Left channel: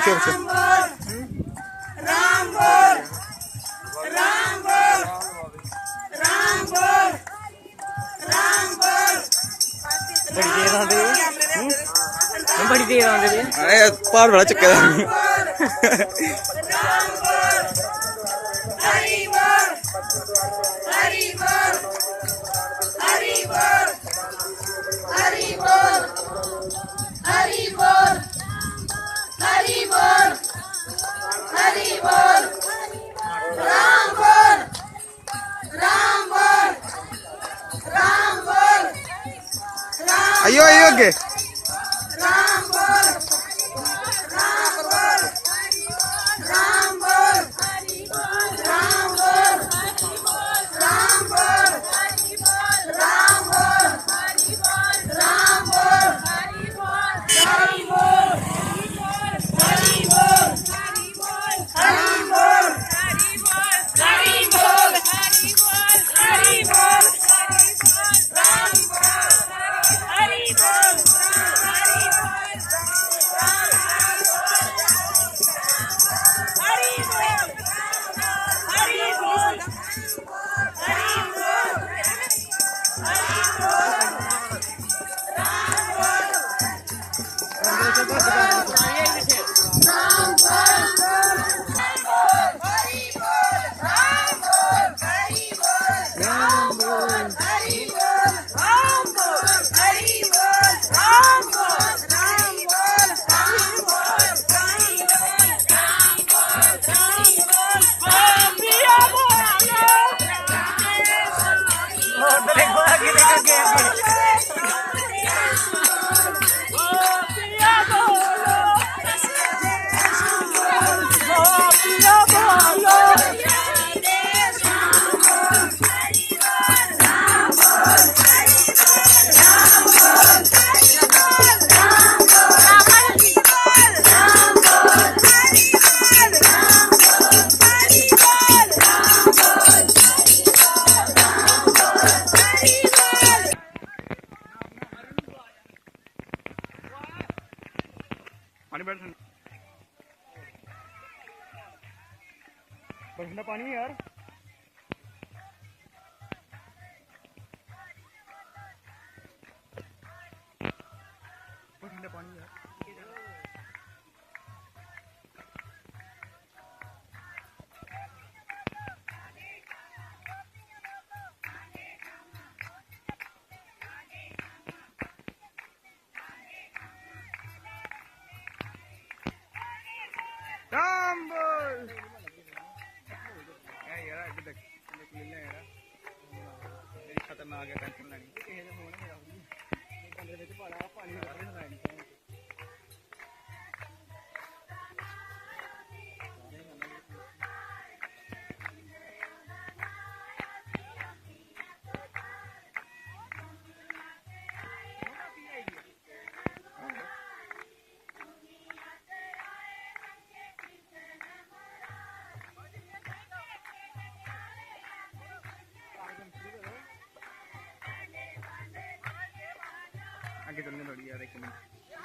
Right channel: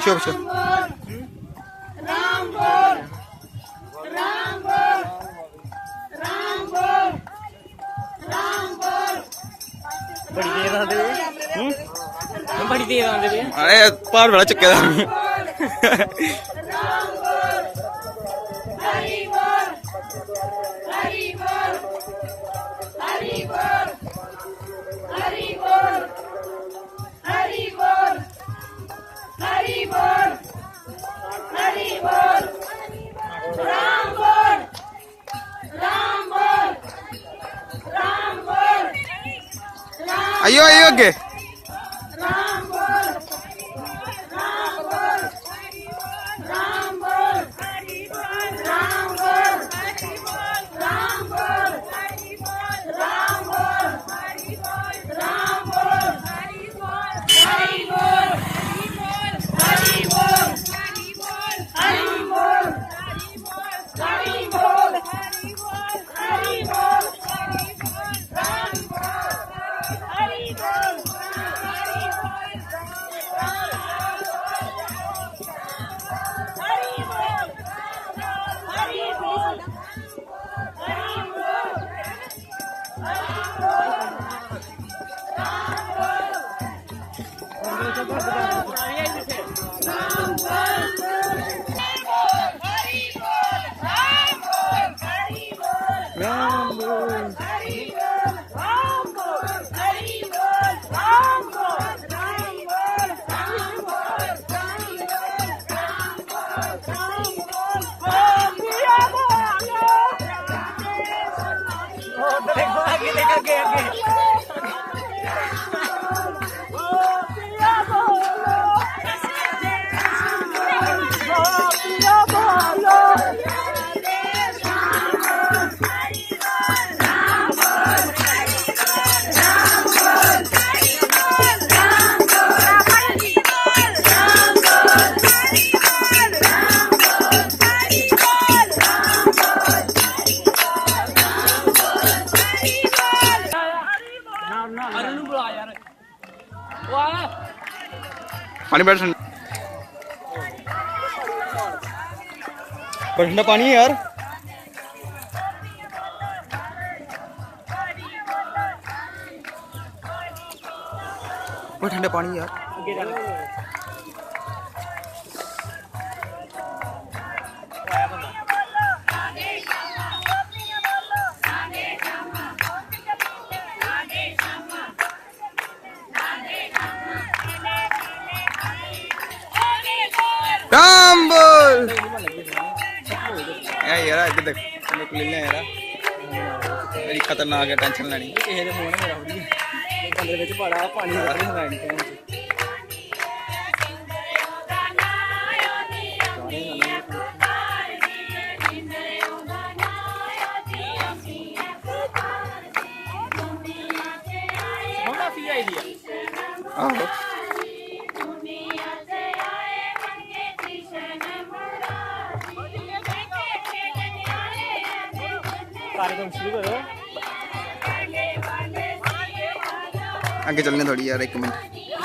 पिछो पिछो राम बोल राम बोल राम बोल राम बोल। बड़ी देर आंदे अरे पहाड़ बड़ा चुके दा राम बोल हरि बोल हरि बोल हरि बोल हरि बोल हरि बोल हरि बोल हरि बोल। राम बोल राम बोल राम बोल राम आइयो आइयो अगे राम बोल राम बोल राम बोल राम बोल राम बोल राम बोल राम बोल हरि बोल हरि बोल राम बोल हरि बोल हरि बोल राम बोल हरि बोल पानी बैठ ठंडा ठंडा पानी है यार। वो ठंडा पानी यार। राम बोल यार इधर देख ले ले यार बड़ी खतरनाक है टेंशन लेनी ਕਿਸੇ ਦੇ ਫੋਨ ਮੇਰਾ ਉਹਦੀ ਕਮਰੇ ਵਿੱਚ ਬੜਾ ਪਾਣੀ ਲੱਗ ਰਿਹਾ ਹੈ आहो कार्यक्रम शुरू करो आगे चलने थोड़ी यार एक मिनट।